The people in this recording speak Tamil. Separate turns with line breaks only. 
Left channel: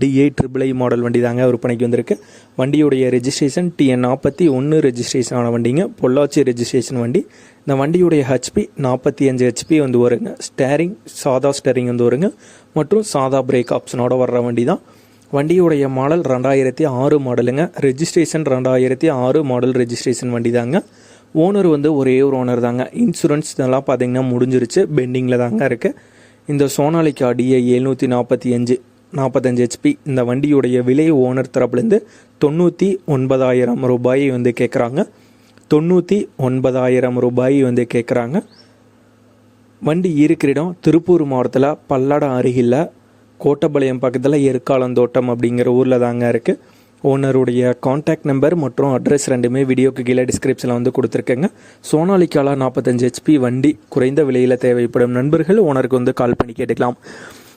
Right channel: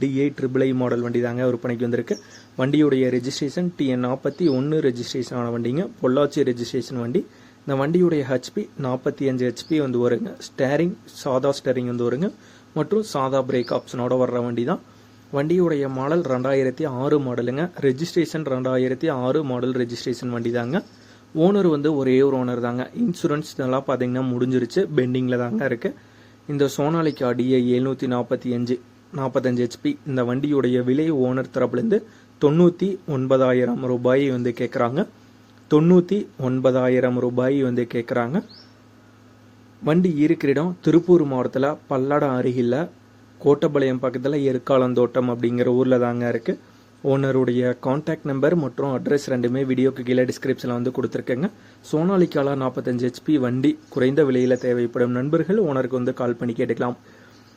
டிஏ ட்ரிபிள் ஐ மாடல் வண்டி தாங்க விற்பனைக்கு வந்திருக்கு. வண்டியுடைய ரெஜிஸ்ட்ரேஷன் டிஎன் நாற்பத்தி ஒன்று ரெஜிஸ்ட்ரேஷன் ஆன வண்டிங்க. பொள்ளாச்சி ரெஜிஸ்ட்ரேஷன் வண்டி. இந்த வண்டியுடைய ஹெச்பி நாற்பத்தி அஞ்சு ஹெச்பி வந்து வருங்க. ஸ்டேரிங் சாதா ஸ்டேரிங் வந்து வருங்க. மற்றும் சாதா பிரேக் ஆப்ஷனோட வர்ற வண்டி தான் வண்டியுடைய மாடல் ரெண்டாயிரத்தி ஆறு மாடலுங்க ரெஜிஸ்ட்ரேஷன் ரெண்டாயிரத்தி ஆறு மாடல் ரெஜிஸ்ட்ரேஷன் வண்டி தாங்க ஓனர் வந்து ஒரே ஒரு ஓனர் தாங்க. இன்சூரன்ஸ் இதெல்லாம் பார்த்தீங்கன்னா முடிஞ்சிருச்சு. பெண்டிங்கில் தாங்க இருக்குது இந்த சோனாலிக்கா டிஏ எழுநூற்றி நாற்பத்தி அஞ்சு. நாற்பத்தஞ்சு ஹெச்பி இந்த வண்டியுடைய விலை ஓனர் தரப்புலேருந்து தொண்ணூற்றி ஒன்பதாயிரம் ரூபாயை வந்து கேட்குறாங்க தொண்ணூற்றி ஒன்பதாயிரம் ரூபாய் வந்து கேட்குறாங்க வண்டி இருக்கிற இடம் திருப்பூர் மாவட்டத்தில் பல்லடம் அருகில் கோட்டப்பாளையம் பக்கத்தில் எருக்காலந்தோட்டம் அப்படிங்கிற ஊரில் தாங்க இருக்குது ஓனருடைய காண்டாக்ட் நம்பர் மற்றும் அட்ரஸ் ரெண்டுமே வீடியோக்கு கீழே டிஸ்கிரிப்ஷனில் வந்து கொடுத்துருக்கேங்க. சோனாலிக்காலா நாற்பத்தஞ்சு ஹெச்பி வண்டி குறைந்த விலையில் தேவைப்படும். நண்பர்கள் ஓனருக்கு வந்து கால் பண்ணி கேட்டுக்கலாம்.